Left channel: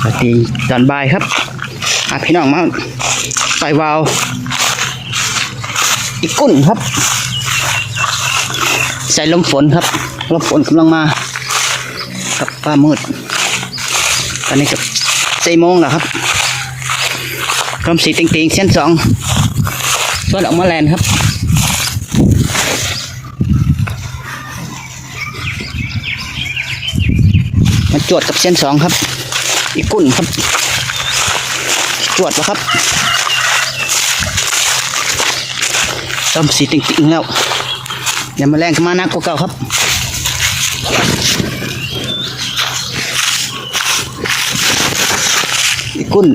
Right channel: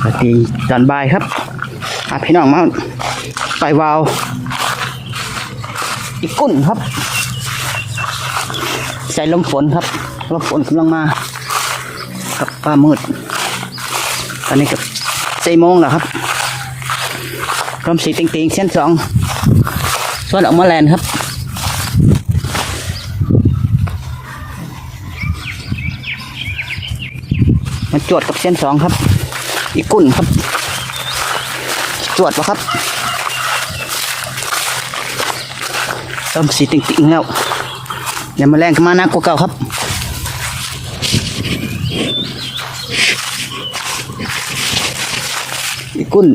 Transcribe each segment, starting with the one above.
สวัสดีตอนบ่ายครับอาพี่น้องมาไปวาวอีกกุ้นครับ ใส่ลมฝนครับลมฝนกำลังมา กับฟ้ามืดตอนนี้กับสี่โมงแล้วครับกรมสีติงติงเส้นสองส่วนออกมาแลนครับมันจวดกับเส้นสองครับ อีกกุ้นครับ จวดวะครับเริ่มสีติ่งติงแล้วอย่ามาแรงขึ้นมานักกว่าเก่าครับอีกกุ้น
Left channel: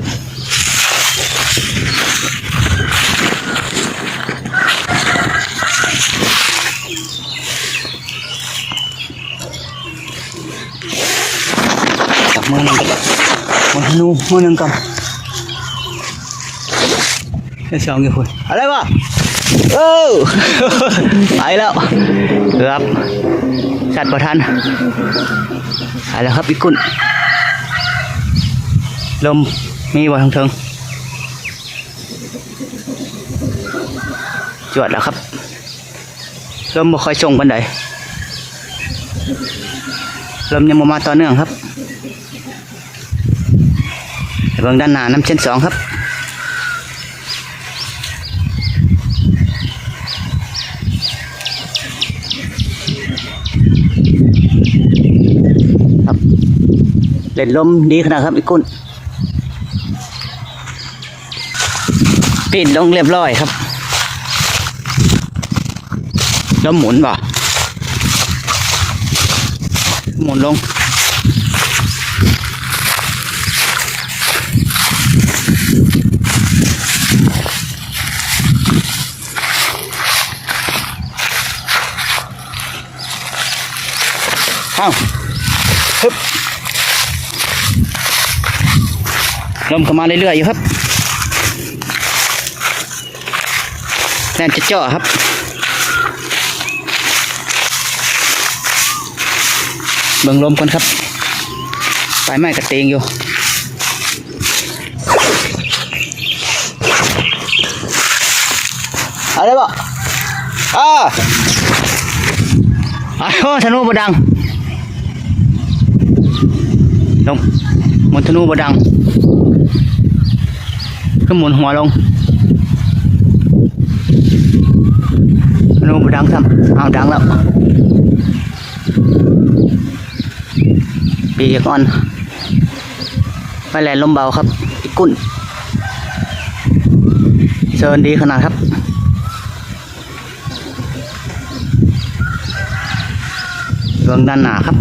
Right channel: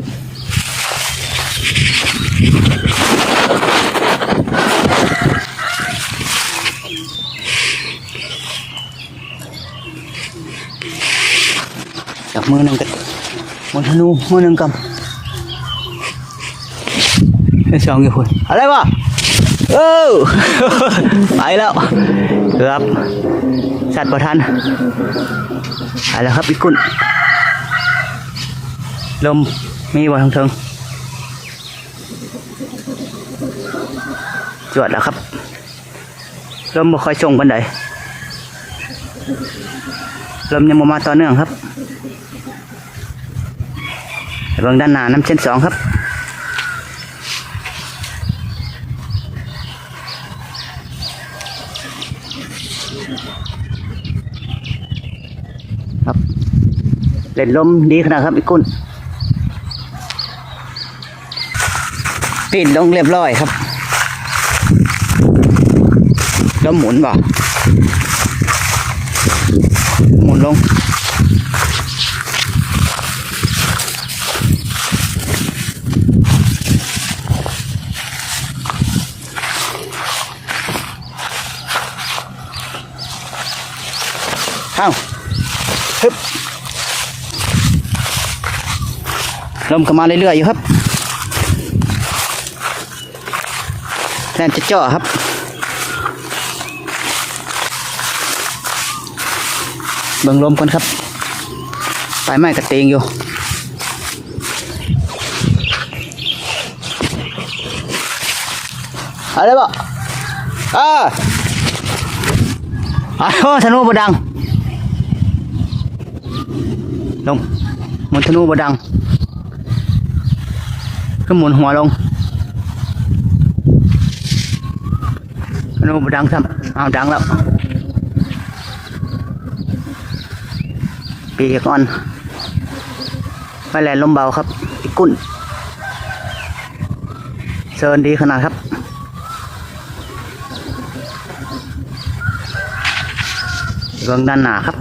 จับมือหนึ่งกับ มือธนูมือหนึ่งกับเส้สองอยู่คุณอะไรวะโอ้ไปแล้วเกือบสัตว์ประทันไปแล้วครับอีกกุ้นลมมีบ่ทางเทิงจวดแล้วครับ ลมบ่ค่อยส่งปันใดลมยังมาต่อเนื่องครับ เบิ่งด้านหน้าน้ำเส้นสองครับครับเล่นลมดีขนาดครับอีกกุ้นปิดลงเรียบร้อยครับแล้วหมุนบ่หมุนลง อ้าฮึบลมก็มาเรื่อยๆอยู่ครับแทนจะเจาะครับเบิ่งลมก่อนครับปลายไม้กระเตงอยู่อะไรบ่อ่าอ้าวธนูบดัง ลงหมุนธนูบดังขึ้นหมุนหัวลงโน้มดังซ้ำเอาดังแล้วปีกอ่อนไม่แลนลมเบาครับอีกกุ้นเชิญดีขนาดครับเบื้องด้านหน้าครับ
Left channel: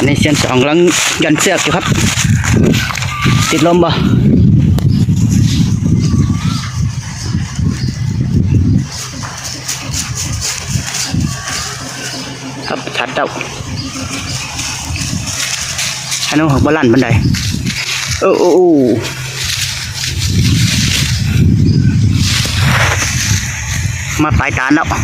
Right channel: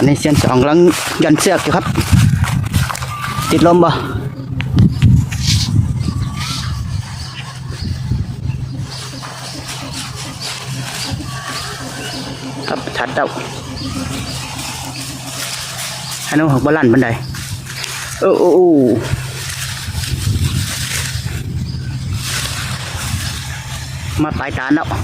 อันนี้เส้นสองกำลังยันเสือกอยู่ครับ ติดลมบ่ครับชัดเต้าฮันนหักบอลันบันไดโอ้โอ้มาปลายตาแล้วจุ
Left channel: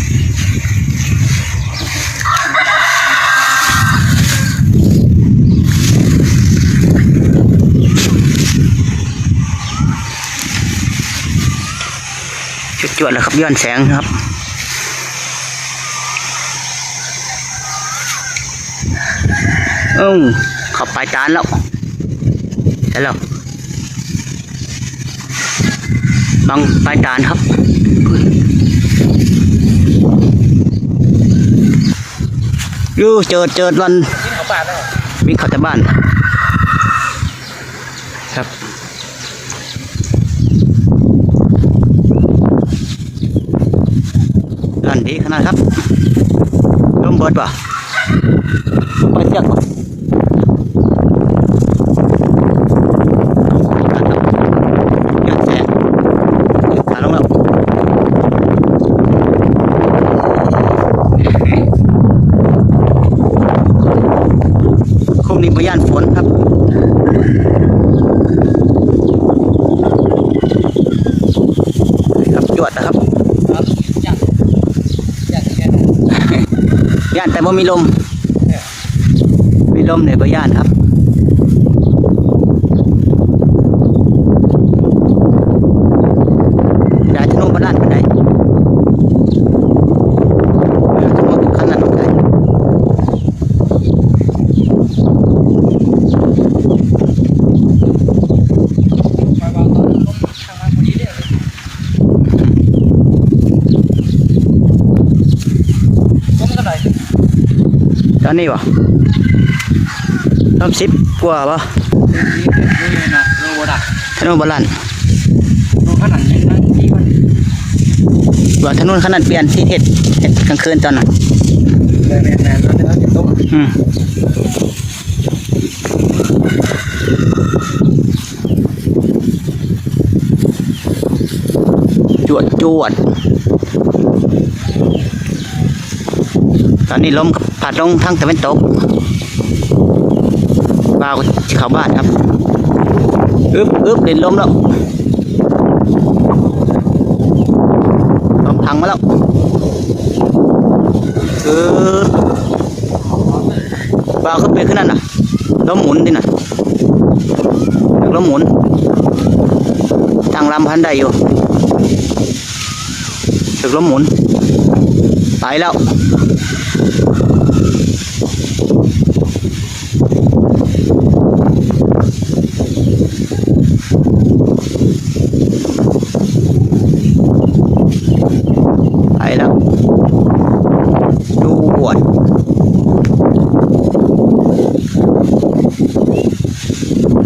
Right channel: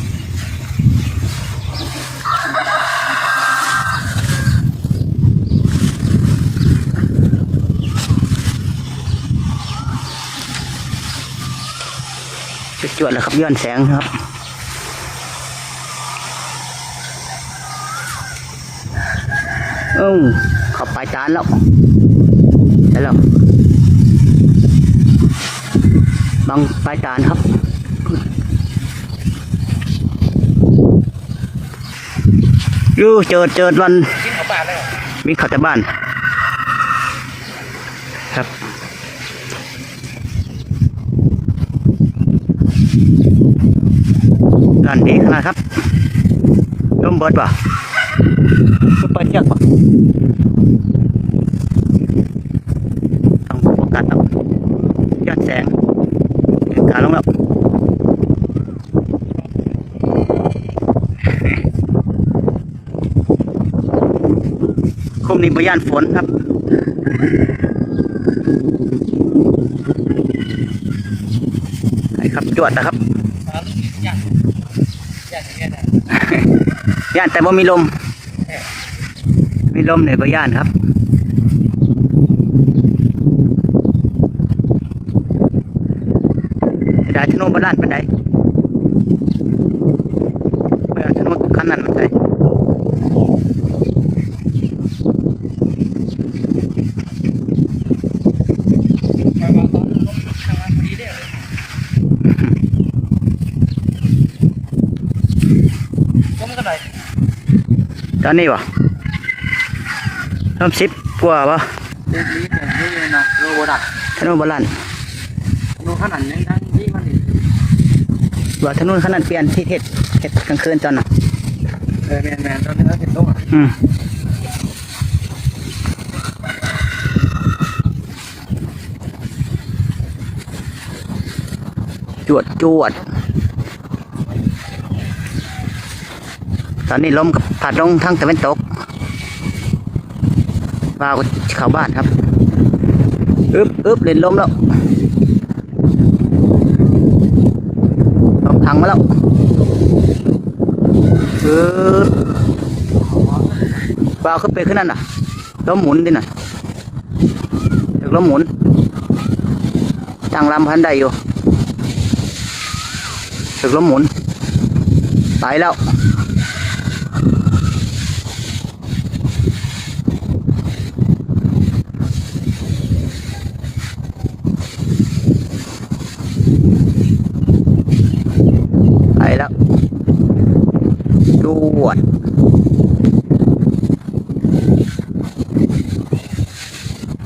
จวดๆแล้วครับย้อนแสงครับเอ้าเขับปลายจานแล้วใช่แล้วบังปลายจานครับยูเจิดเจิดวันวิ่งเข้าแต่บ้าน ครับร้านดีขนาดครับร่มเบิดป่ะร่มไปเสียกป่ะขาดแล้วยอดแสงขาลงแล้วคุมนี้บย่านฝนครับครับจวดนะครับ ย่านแต่บ่มีลม มีลมเนี่ยก็ย่านครับได้ที่โน่นบ้านปันได ตอนนี้วะเริ่มสิบกว่าปะธนูบาลานว่าถนนขนาดเปลี่ยนที่เห็ดเห็ดกลางคืนตอนนั้นอืมจวดจวด ตอนนี้ล้มกับผัดลงทางตะวันตกบ่าวเข้าบ้านครับอึบอึบเล่นลมแล้วลมทางมาแล้วเออบ่าวขึ้นไปขึ้นนั่นน่ะลมหมุนดิน่ะถึงลมหมุนตั้งลำพันได้อยู่ถึงลมหมุนไปแล้ว ไปแล้ว ดูบวด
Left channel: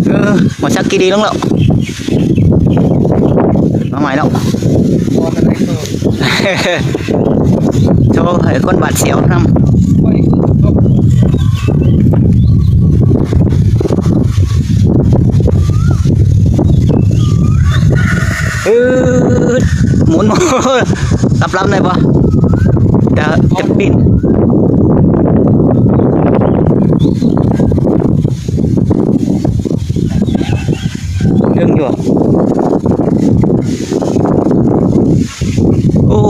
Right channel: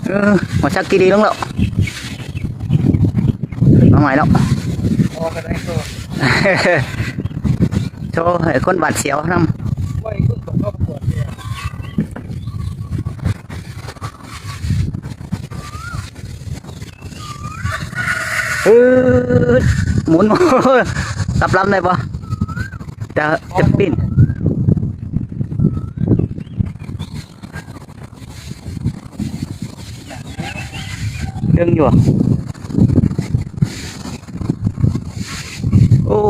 เออมาชักกีดีลงแล้วมาใหม่แล้วโชว์ให้คนบาดเสียวนำเออหมุนรับรับได้ปะ จะจะปิ้นดึงอยู่อะโอ้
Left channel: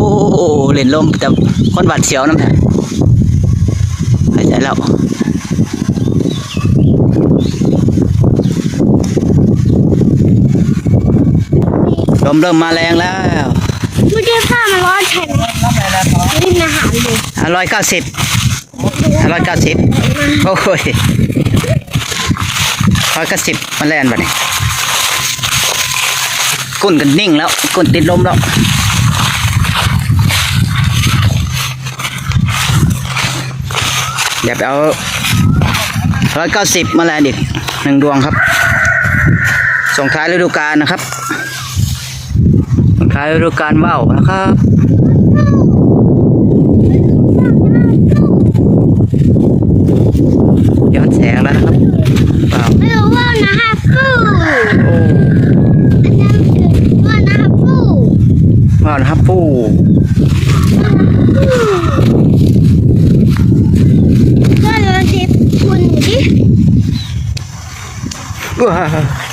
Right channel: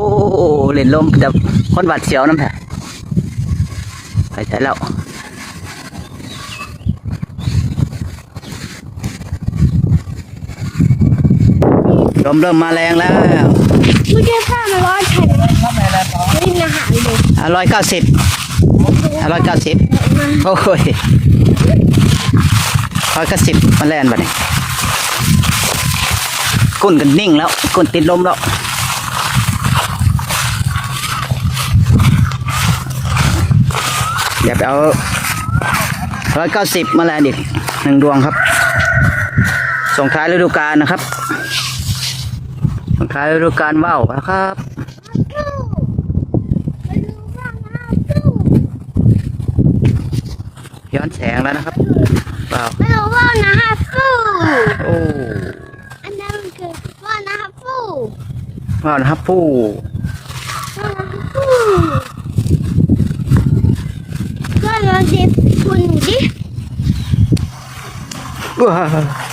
เล่นลมแต่คนบาดเสียวน้ำแท้หายใจแล้วลมเริ่มมาแรงแล้ว ร้อนใช่ไหมดิ้นอาหารเลยร้อยเก้าสิบห้าร้อยเก้าสิบโอ้ยร้อยเก้าสิบมันแล่นไปนี่ก้นกันนิ่งแล้วก้นติดลมแล้วเดี๋ยวไปเอาร้อยเก้าสิบมาแลนอีกหนึ่งดวงครับ ส่งท้ายฤดูกาลนะครับ ส่งท้ายฤดูกาลว่าวนะครับย้อนแสงแล้วนะครับว้าวไม่รู้ว่านะฮะฟูโอ้อันนั้นคือว่านะฮะฟูว้าวนะครับผู้ฟูก็เลยสิคุณดิว้าว